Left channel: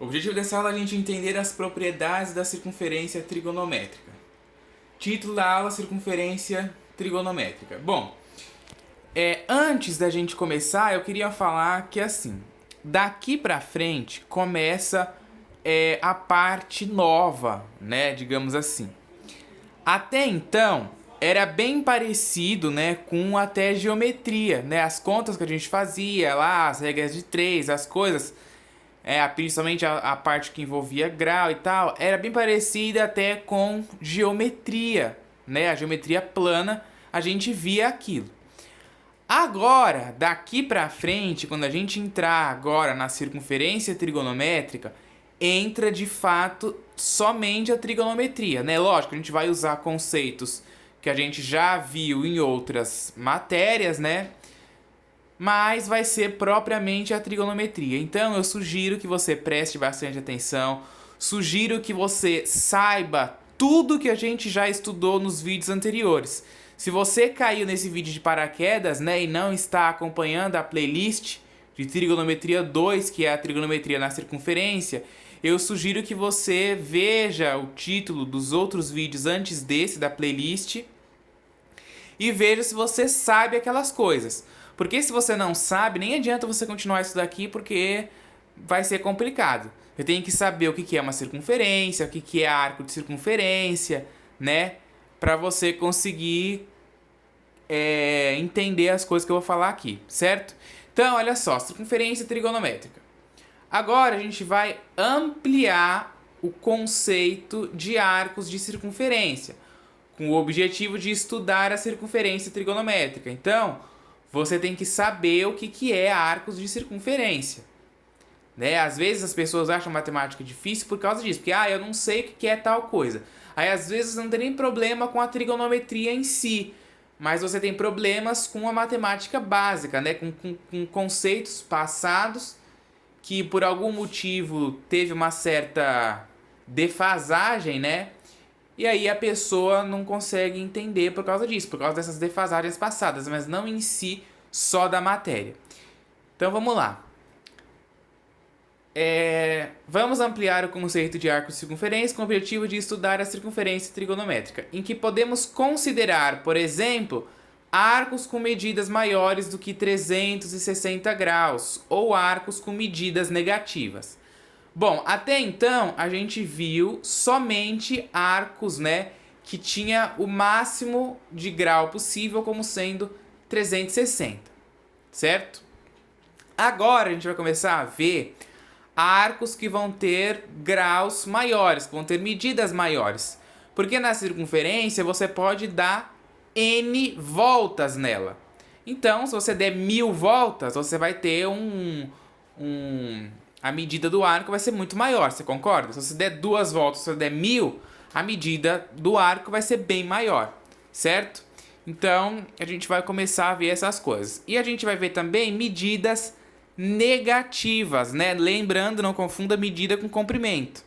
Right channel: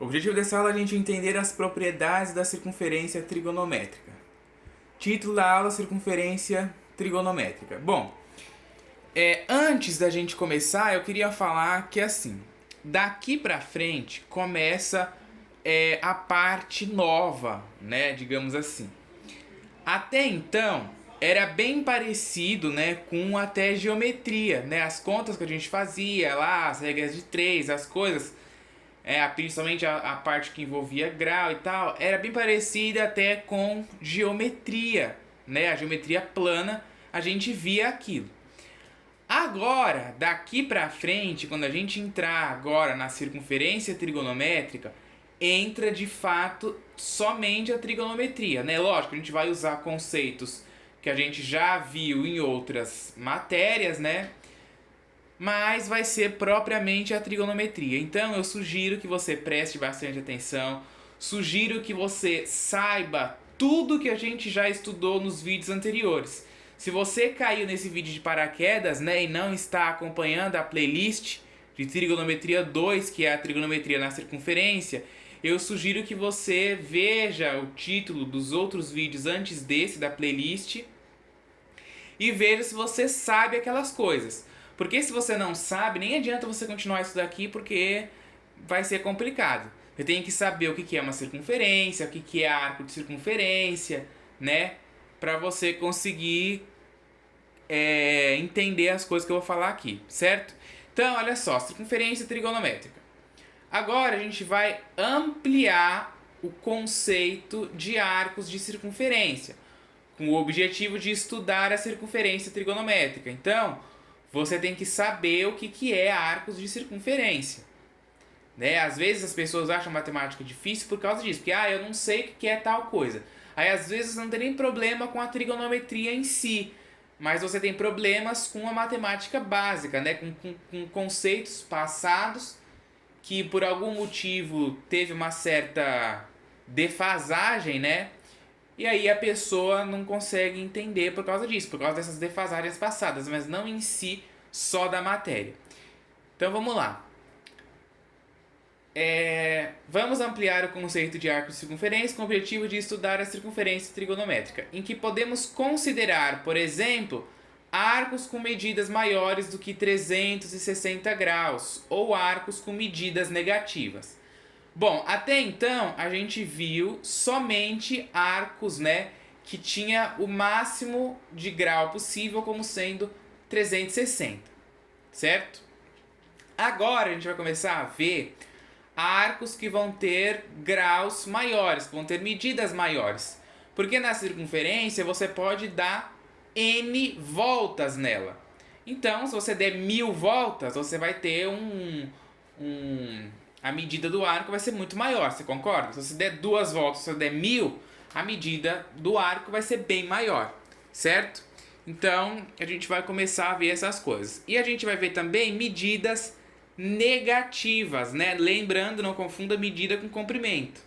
O objetivo dessa aula é a gente entender as propriedades da circunferência trigonométrica. Título da aula: Circunferência trigonométrica. Bom, antes da gente começar, eu queria falar que assim, daqui pra frente começa a parte nova, né, digamos assim. Até então, era bem parecido, né, com até geometria, né, as contas que a gente fazia lá, as regras de três, as coisas, principalmente a parte que envolvia grau e tal, era bem parecida até com geometria, né, a geometria plana, a gente via aquilo. Agora, daqui pra frente, quando a gente entrar agora na circunferência trigonométrica, entra de fato somente a trigonometria, né? Lógico, a gente vai usar conceitos que a gente já viu em outras matérias, né? Mas vai ser propriamente a trigonometria. Então eu sugiro que você preste bastante atenção, sugiro que você saiba tudo que a gente já estudou nos vídeos anteriores. Se você caiu nesse vídeo de paraquedas, né, e não está acompanhando a playlist de trigonometria 2, que é a trigonometria na circunferência, eu sugiro que você veja o título dos outros vídeos antes desse da playlist e veja se você sabe aquelas coisas. Porque se você não sabe, nem adianta você continuar isso daqui, porque vai ser complicado. Você tem que saber o que é uma circunferência, o que é arco de circunferência, né? Para você conseguir entender as coisas que eu vou falar aqui, certo? Então, olha só, circunferência trigonométrica. Agora a gente vai ampliar o conceito de arcos de circunferência, com o objetivo de estudar a circunferência trigonométrica. Então, você tem que saber o que é arcos de circunferência. Né? Às vezes as pessoas acham matemática difícil por causa disso, porque eu não sei o que é tal coisa. Aí às vezes não tem nem problema com a trigonometria em si, mas você tem problemas com a matemática básica, né? com conceitos passados que por algum motivo teve uma certa defasagem, né? E aí a pessoa não consegue entender por causa disso, por causa dessas defasagens passadas, mas não em si só da matéria. Então vamos lá. Vamos ampliar o conceito de arco de circunferência com o objetivo de estudar a circunferência trigonométrica, em que podemos considerar, por exemplo, arcos com medidas maiores do que 360 graus ou arcos com medidas negativas. Bom, até então a gente viu somente arcos, né, que tinha o máximo de grau possível como sendo 360, certo? Agora a gente vai começar a ver arcos que vão ter graus maiores, que vão ter medidas maiores. Porque na circunferência você pode dar N voltas nela. Então, se você der 1000 voltas, você vai ter a medida do arco vai ser muito maior, você concorda? Se você der 2 voltas, se você der 1000, a medida do arco vai ser bem maior, certo? Então, a gente vai começar a ver essas coisas. E a gente vai ver também medidas negativas, né? Lembrando, não confunda medida com comprimento,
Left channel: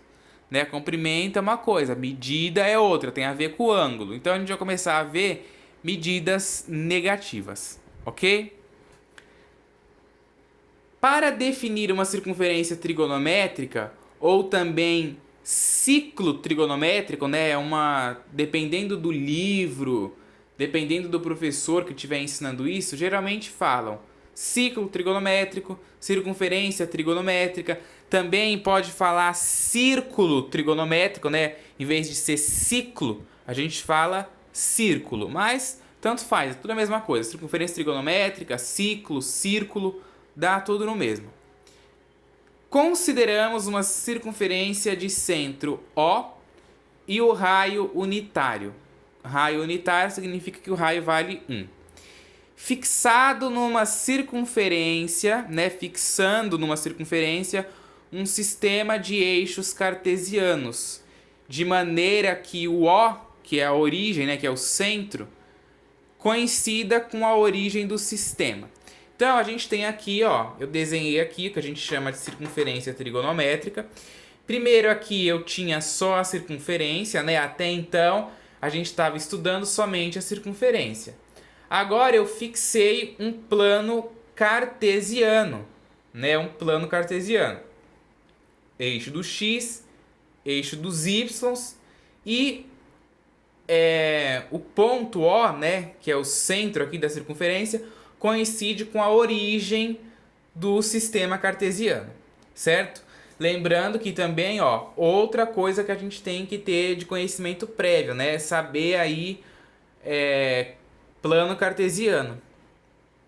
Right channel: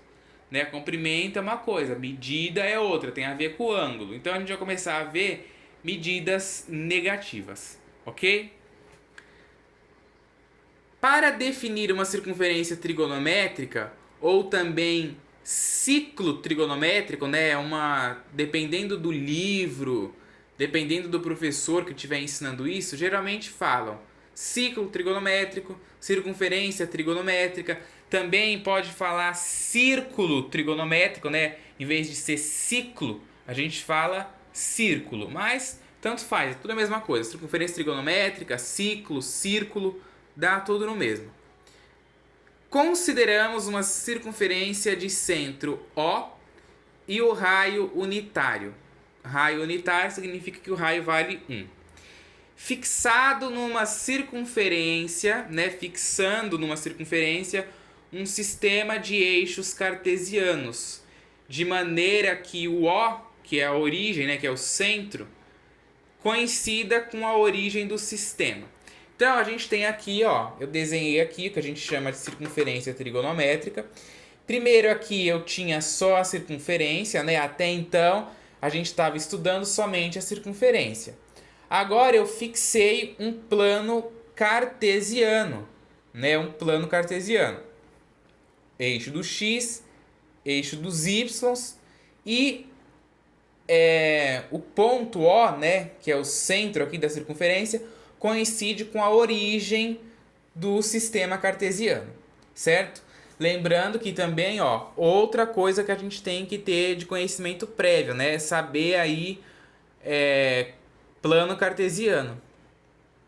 né? Comprimento é uma coisa, medida é outra, tem a ver com o ângulo. Então a gente vai começar a ver medidas negativas, ok? Para definir uma circunferência trigonométrica ou também ciclo trigonométrico, né? Dependendo do livro, dependendo do professor que estiver ensinando isso, geralmente falam ciclo trigonométrico, circunferência trigonométrica, também pode falar círculo trigonométrico, né? Em vez de ser ciclo, a gente fala círculo, mas tanto faz, é tudo a mesma coisa. Circunferência trigonométrica, ciclo, círculo, dá tudo no mesmo. Consideramos uma circunferência de centro O e o raio unitário. Raio unitário significa que o raio vale 1. Fixado numa circunferência, né, fixando numa circunferência um sistema de eixos cartesianos, de maneira que o O, que é a origem, né, que é o centro, coincida com a origem do sistema. Então a gente tem aqui, ó, eu desenhei aqui o que a gente chama de circunferência trigonométrica. Primeiro aqui eu tinha só a circunferência, né? Até então a gente estava estudando somente a circunferência. Agora eu fixei um plano cartesiano, né? Um plano cartesiano. eixo do x, eixo dos y e o ponto O, né, que é o centro aqui da circunferência, coincide com a origem do sistema cartesiano, certo? Lembrando que também, ó, outra coisa que a gente tem que ter de conhecimento prévio, né, saber aí plano cartesiano,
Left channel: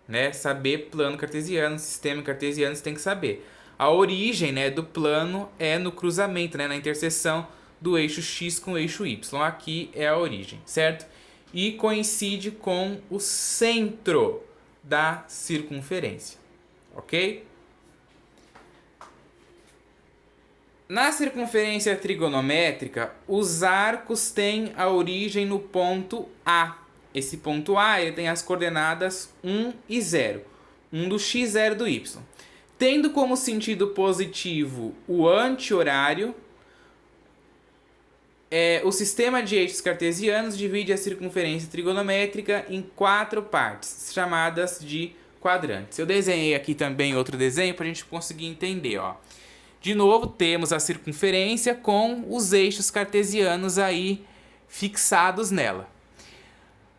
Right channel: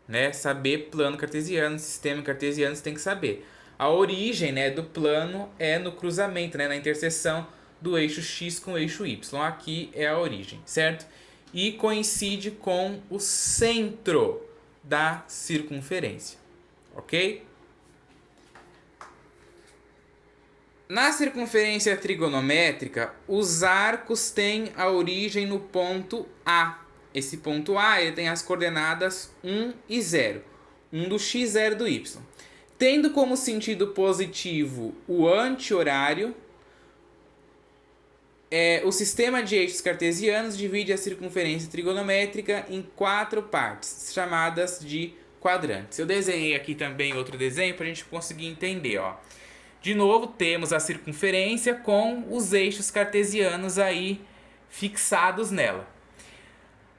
né, saber plano cartesiano, sistema cartesiano, você tem que saber. A origem, né, do plano é no cruzamento, né, na interseção do eixo x com o eixo y. Aqui é a origem, certo? E coincide com o centro da circunferência, ok? Na circunferência trigonométrica, os arcos têm a origem no ponto A. Esse ponto A ele tem as coordenadas 1 e 0. 1 do x, 0 do y. Tendo como sentido positivo o anti-horário, o sistema de eixos cartesianos divide a circunferência trigonométrica em 4 partes, chamadas de quadrantes. Eu desenhei aqui também outro desenho para a gente conseguir entender, ó. De novo, temos a circunferência com os eixos cartesianos aí fixados nela.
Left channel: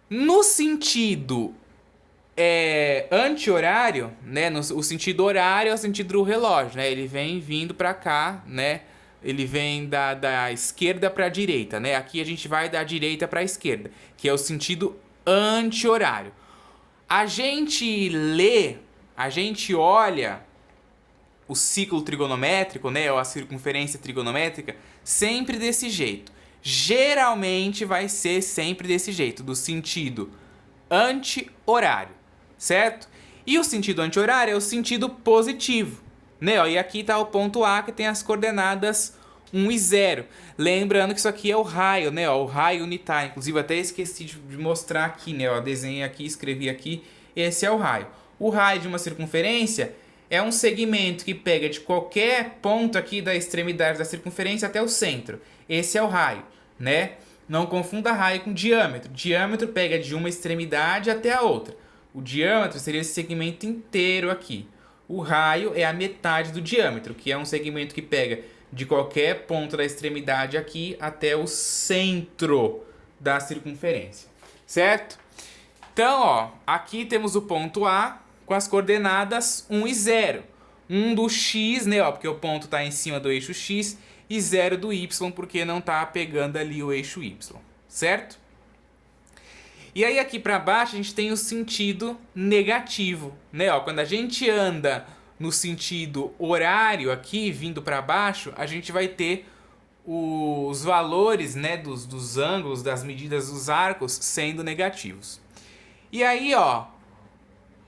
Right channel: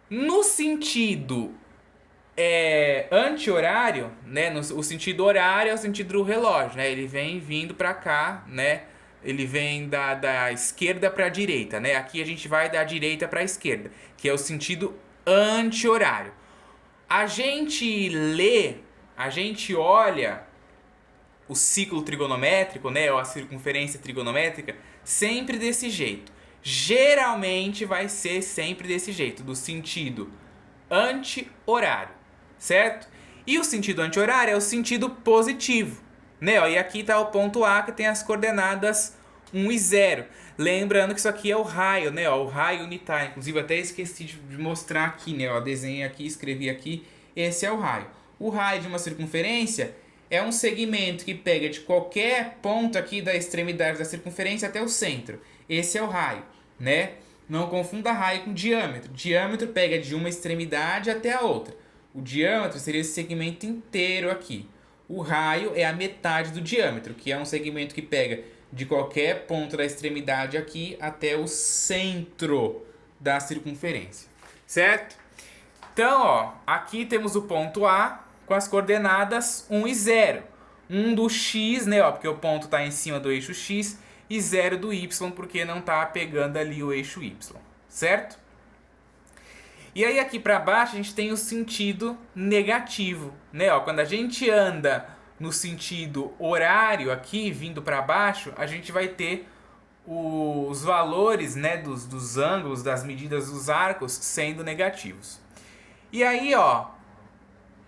No sentido anti-horário, né? O sentido horário é o sentido do relógio, né? Ele vem vindo para cá, né? Ele vem da esquerda para a direita, né? Aqui a gente vai da direita para a esquerda, que é o sentido anti-horário. A gente olha o ciclo trigonométrico, né, ou a circunferência trigonométrica, sempre desse jeito. Geralmente vai ser sempre desse jeito, do sentido anti-horário, certo? E o sentido anti-horário é o sentido positivo, né? E aqui está o ponto A, que tem as coordenadas 1 e 0. Lembrando que isso aqui é o raio, né? O raio unitário. Inclusive, até esqueci de mostrar aqui, né? Desenhei aqui, escrevi aqui. Esse é o raio. O raio de uma circunferência é um segmento que pega de qualquer ponto aqui da extremidade da circunferência até o centro. Esse é o raio, né? Não confunda raio com diâmetro. Diâmetro pega de uma extremidade até a outra. O diâmetro seria esse segmento inteiro aqui. O raio é a metade do diâmetro, que é um segmento que pega de qualquer ponto da extremidade aqui até o centro da circunferência, certo? Então, ó, aqui temos o ponto A com as coordenadas 1 e 0. 1 do x, né, ó, porque o ponto está em cima do eixo x, e 0 do y, porque não está pegando ali o eixo y, certo? E aí aqui para baixo a gente tem o sentido negativo, né? Ó, quando a gente anda no sentido horário aqui, vindo para baixo, a gente vai ter os valores, né, dos ângulos, das medidas dos arcos sendo negativos. E aí, ó,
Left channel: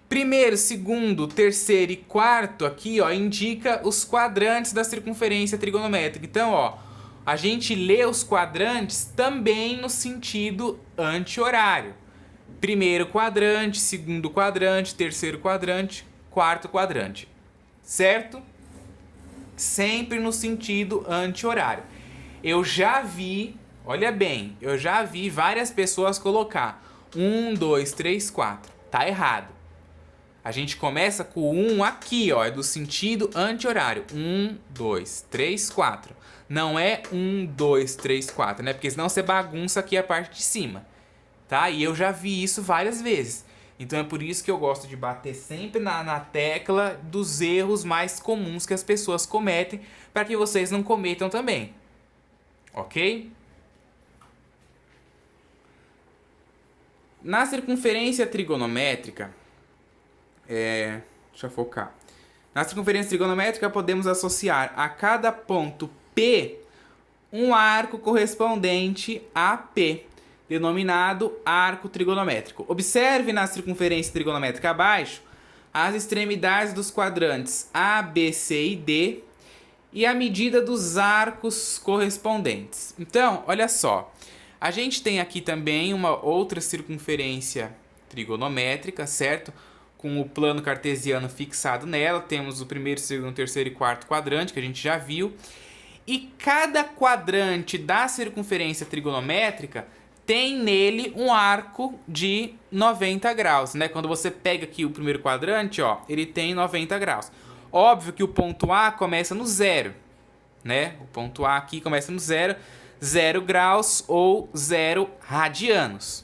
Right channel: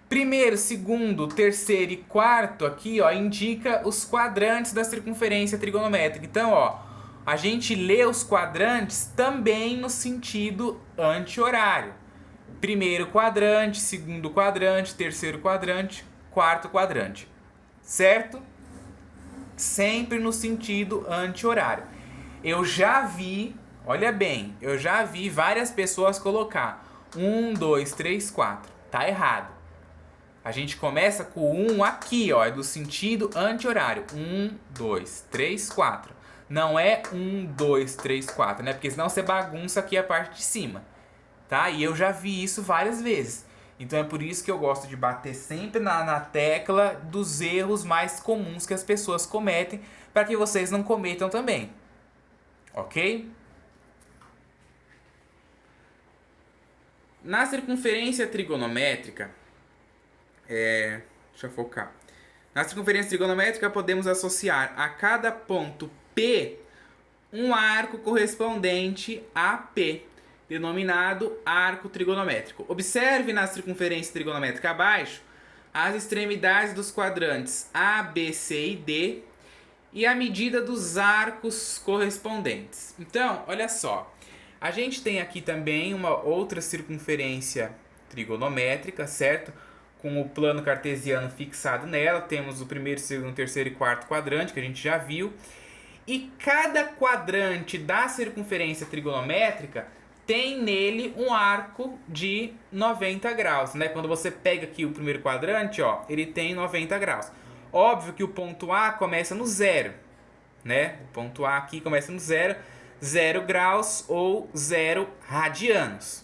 primeiro, segundo, terceiro e quarto aqui, ó, indica os quadrantes da circunferência trigonométrica. Então, ó, a gente lê os quadrantes também no sentido anti-horário. Primeiro quadrante, segundo quadrante, terceiro quadrante, quarto quadrante. Certo? Sempre no sentido anti-horário. Eu já vi, olha bem, eu já vi várias pessoas colocar 1, 2, 3, 4. Tá errado. A gente começa com o 1 aqui, ó, é do sentido anti-horário. 1, 2, 3, 4. Não é 1, 2, 3, 4, né? Porque senão você bagunça aqui a parte de cima, tá? E eu já vi isso várias vezes. Então é por isso que eu gosto de bater sempre na tecla dos erros mais comuns que as pessoas cometem, para que vocês não cometam também. Ok? Na circunferência trigonométrica, deixa eu focar. Na circunferência trigonométrica podemos associar a cada ponto P um arco correspondente a P, denominado arco trigonométrico. Observe na circunferência trigonométrica abaixo as extremidades dos quadrantes A, B, C e D e a medida dos arcos correspondentes. Então, olha só, a gente tem aqui também uma outra circunferência trigonométrica, certo? Com o plano cartesiano fixado nela, temos o primeiro, segundo, terceiro e quarto quadrante, que a gente já viu. E cada quadrante da circunferência trigonométrica tem nele um arco de 90 graus, né? Quando você pega aqui o primeiro quadrante, ó, ele tem 90 graus. Óbvio que o ponto A começa no 0, né? O ponto A aqui começa no 0, 0 graus ou 0 radianos.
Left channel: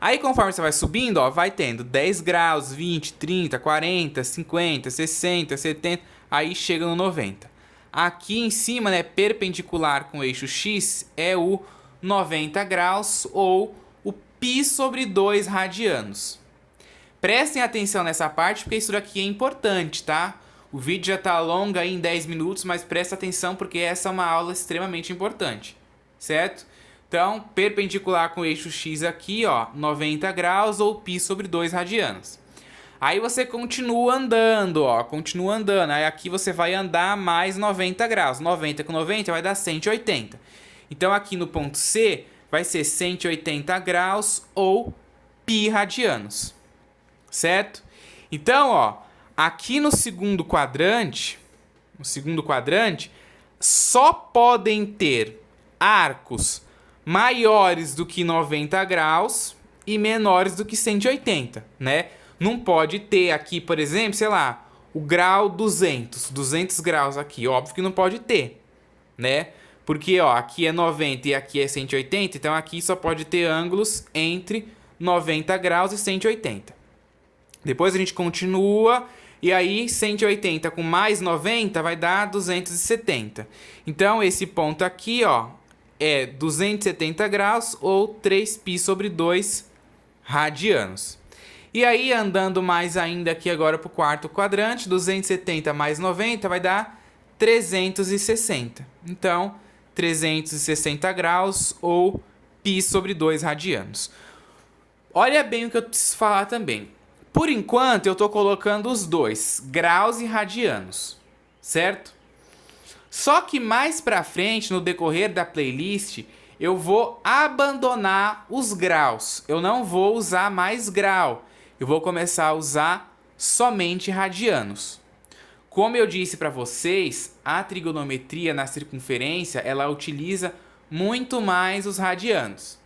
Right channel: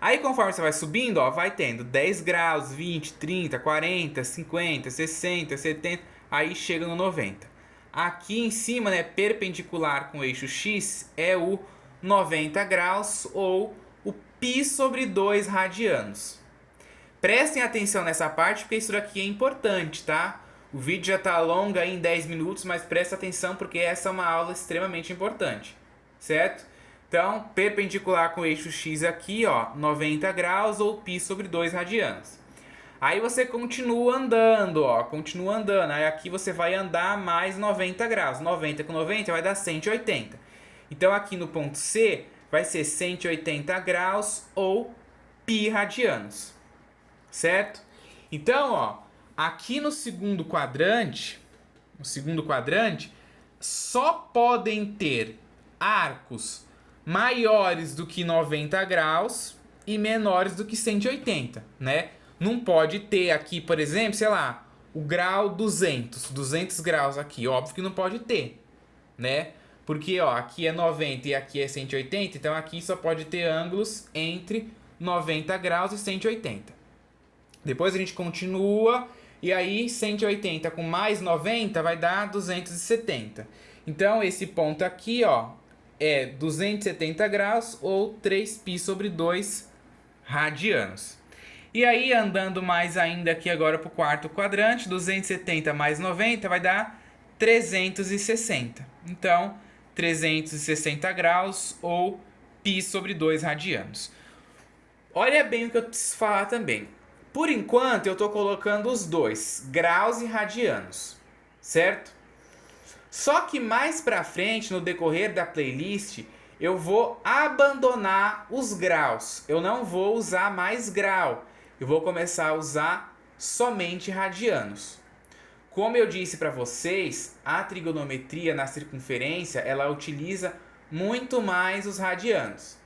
Aí conforme você vai subindo, ó, vai tendo 10 graus, 20, 30, 40, 50, 60, 70, aí chega no 90. Aqui em cima, né, perpendicular com o eixo X, é o 90 graus ou o π sobre 2 radianos. Prestem atenção nessa parte porque isso daqui é importante, tá? O vídeo já tá longo aí em 10 minutos, mas presta atenção porque essa é uma aula extremamente importante, certo? Então, perpendicular com o eixo X aqui, ó, 90 graus ou π sobre 2 radianos. Aí você continua andando, ó, continua andando. Aí aqui você vai andar mais 90 graus. 90 com 90 vai dar 180. Então aqui no ponto C vai ser 180 graus ou π radianos. Certo? Então, ó, aqui no segundo quadrante, só podem ter arcos maiores do que 90 graus e menores do que 180, né? Não pode ter aqui, por exemplo, sei lá, o grau 200 graus aqui, óbvio que não pode ter, né? Porque, ó, aqui é 90 e aqui é 180, então aqui só pode ter ângulos entre 90 graus e 180. Depois a gente continua e aí 180 com mais 90 vai dar 270. Então esse ponto aqui, ó, é 270 graus ou 3π sobre 2 radianos. E aí, andando mais ainda aqui agora para o quarto quadrante, 270 mais 90 vai dar 360. Então, 360 graus ou π sobre 2 radianos. Olha bem o que eu preciso falar também. Por enquanto, eu estou colocando os dois, graus e radianos, certo? Só que mais para frente, no decorrer da playlist, eu vou abandonar os graus. Eu não vou usar mais grau. Eu vou começar a usar somente radianos. Como eu disse para vocês, a trigonometria na circunferência, ela utiliza muito mais os radianos.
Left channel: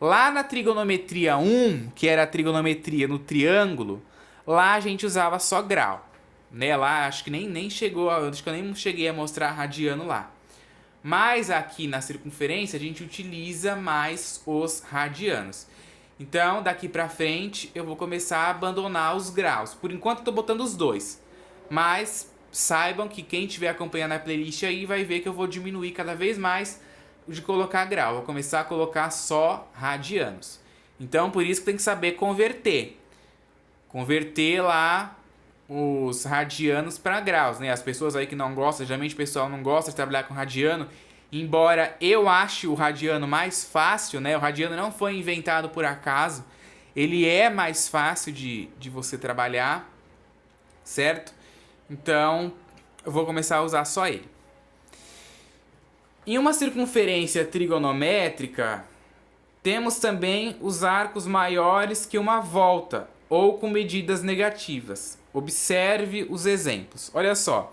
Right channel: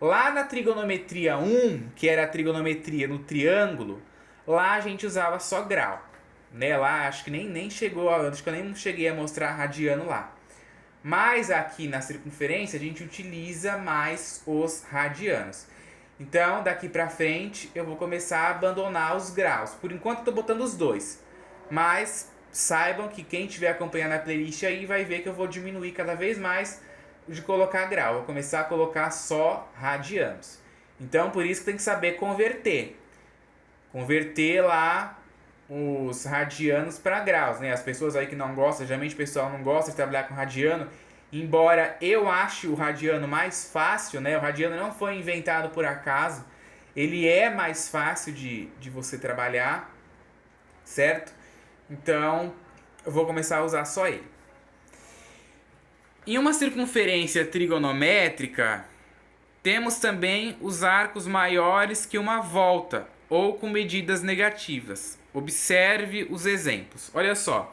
Lá na trigonometria 1, que era a trigonometria no triângulo, lá a gente usava só grau. Né? Lá acho que nem chegou, acho que eu nem cheguei a mostrar radiano lá. Mas aqui na circunferência a gente utiliza mais os radianos. Então, daqui pra frente, eu vou começar a abandonar os graus. Por enquanto, eu tô botando os dois. Mas saibam que quem estiver acompanhando a playlist aí vai ver que eu vou diminuir cada vez mais de colocar grau. Eu vou começar a colocar só radianos. Então, por isso que tem que saber converter. Converter lá os radianos para graus, né? As pessoas aí que não gostam, geralmente o pessoal não gosta de trabalhar com radiano. Embora eu ache o radiano mais fácil, né? O radiano não foi inventado por acaso. Ele é mais fácil de você trabalhar, certo? Então, eu vou começar a usar só ele. Em uma circunferência trigonométrica, temos também os arcos maiores que uma volta, ou com medidas negativas. Observe os exemplos. Olha só.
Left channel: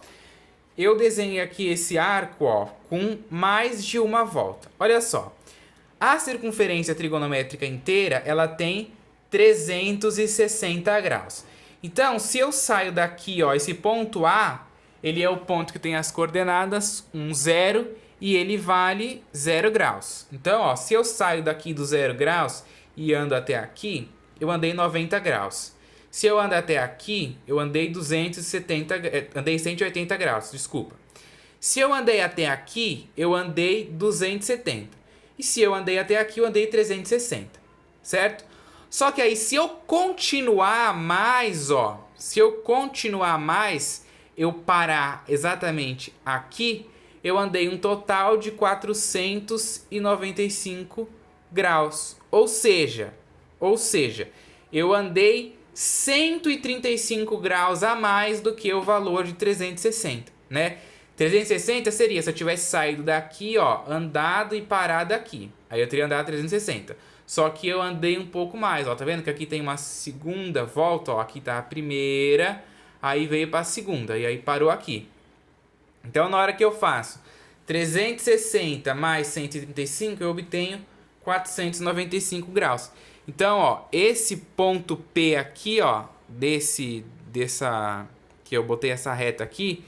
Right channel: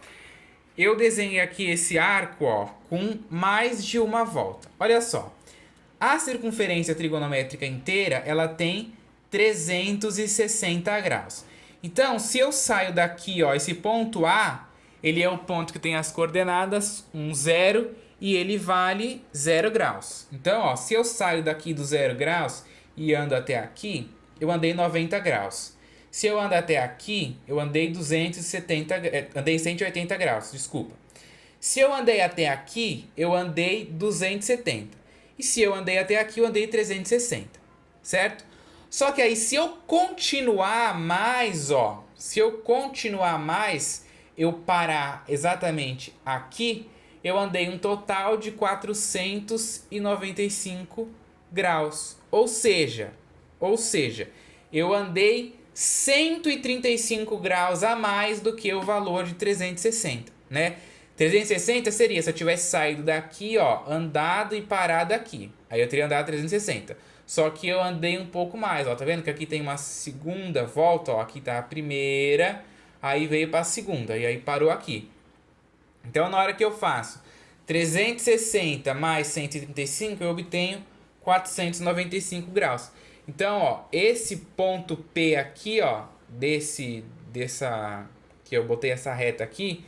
Eu desenhei aqui esse arco, ó, com mais de uma volta. Olha só. A circunferência trigonométrica inteira, ela tem 360 graus. Então, se eu saio daqui, ó, esse ponto A, ele é o ponto que tem as coordenadas 1, 0 e ele vale 0 graus. Então, ó, se eu saio daqui do 0 graus e ando até aqui, eu andei 90 graus. Se eu andar até aqui, eu andei 180 graus, desculpa. Se eu andei até aqui, eu andei 270. E se eu andei até aqui, eu andei 360, certo? Só que aí, se eu continuar mais, ó, eu parar exatamente aqui, eu andei um total de 495 graus. Ou seja, eu andei 135 graus a mais do que o valor de 360, né? 360 seria se eu tivesse saído daqui, ó, andado e parado aqui. Aí eu teria andado 360. Só que eu andei um pouco mais, ó, tá vendo que aqui tem uma segunda volta, ó, aqui tá a primeira, aí veio para a segunda e aí parou aqui. Então na hora que eu faço 360 mais 135, eu obtenho 495 graus. Então, ó, esse ponto P aqui, ó, que eu botei essa reta aqui,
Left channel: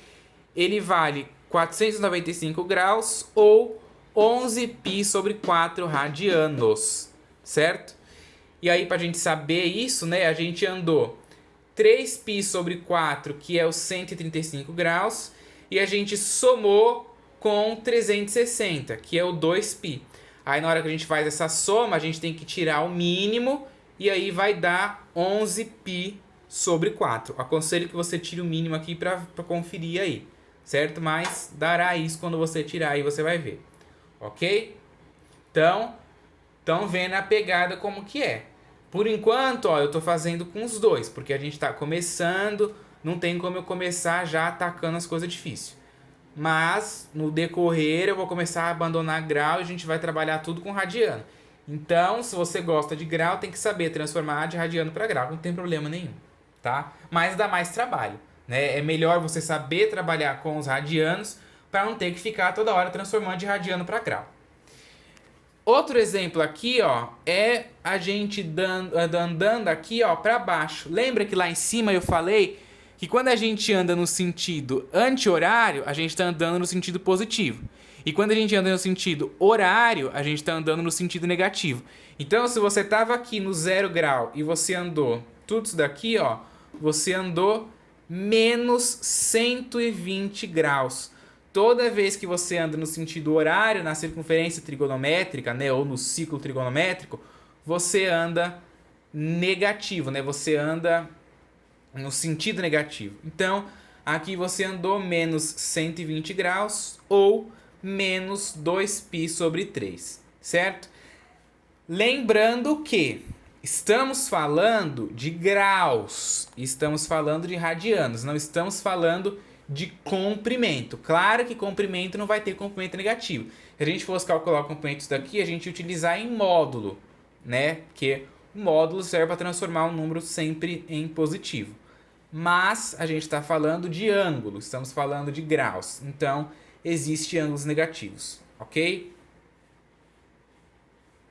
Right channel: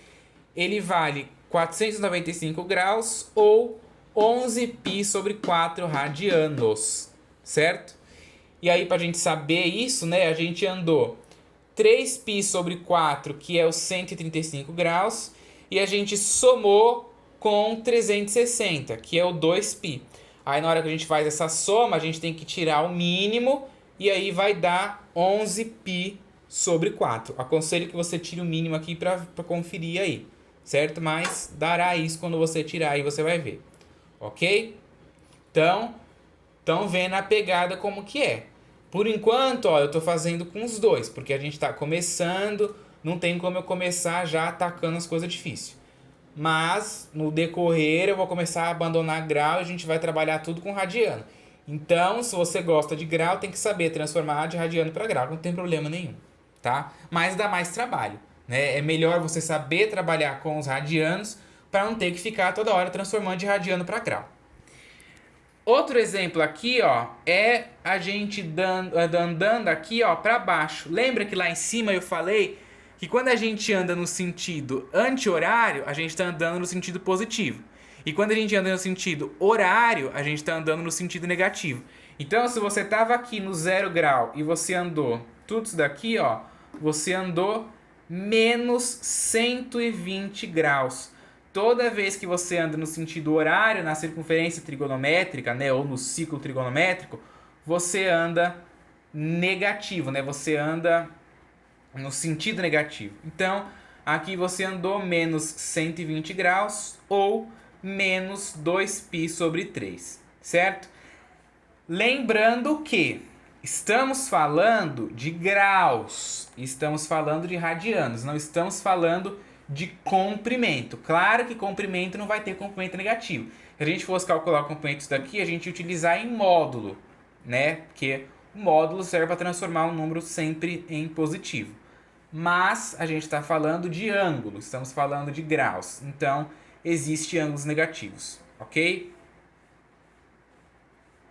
ele vale 495 graus ou 11π sobre 4 radianos, certo? E aí, para a gente saber isso, né, a gente andou 3π sobre 4, que é os 135 graus, e a gente somou com 360, que é o 2π. Aí, na hora que a gente faz essa soma, a gente tem que tirar o mínimo, e aí vai dar 11π sobre 4. Aconselho que você tire o mínimo aqui para conferir aí, certo? Mas dará isso quando você tirar aí, você vai ver. Ok? Então, estão vendo a pegada como que é. Por enquanto, ó, eu tô fazendo com os dois, porque a gente tá começando, não tem como eu começar já atacando as coisas difíceis. Mas, no decorrer, eu vou começar a abandonar grau e a gente vai trabalhar tudo com radiano. Então, se você gosta de grau, tem que saber transformar de radiano para grau, não tem problema nenhum, tá? Mas dá mais trabalho, né? É melhor você saber trabalhar com os radianos para não ter que ficar toda hora transformando de radiano para grau. Outro exemplo aqui, ó, é a gente andando aqui, ó, para baixo. Lembra que lá em cima eu falei que quando a gente anda no sentido anti-horário, a gente está andando no sentido positivo. E quando a gente anda no sentido horário, a gente está andando no sentido negativo. Então, se você estava aqui no 0 grau e você andou tudo isso daqui, ó, você andou menos 120 graus. Toda vez que você anda no sentido horário, na circunferência trigonométrica, né, ou no ciclo trigonométrico, você anda negativo, né? Você anda no sentido negativo. Então, aqui você andou menos 120 graus ou menos 2π sobre 3, certo? Lembrando que estamos falando de graus, estamos falando de radianos, não estamos falando de comprimento. Claro que comprimento não vai ter comprimento negativo. Se a gente fosse calcular o comprimento daqui, a gente ia utilizar em módulo, né? Porque o módulo serve para transformar um número sempre em positivo. Mas a gente está falando de ângulo, estamos falando de graus. Então, existem ângulos negativos, ok?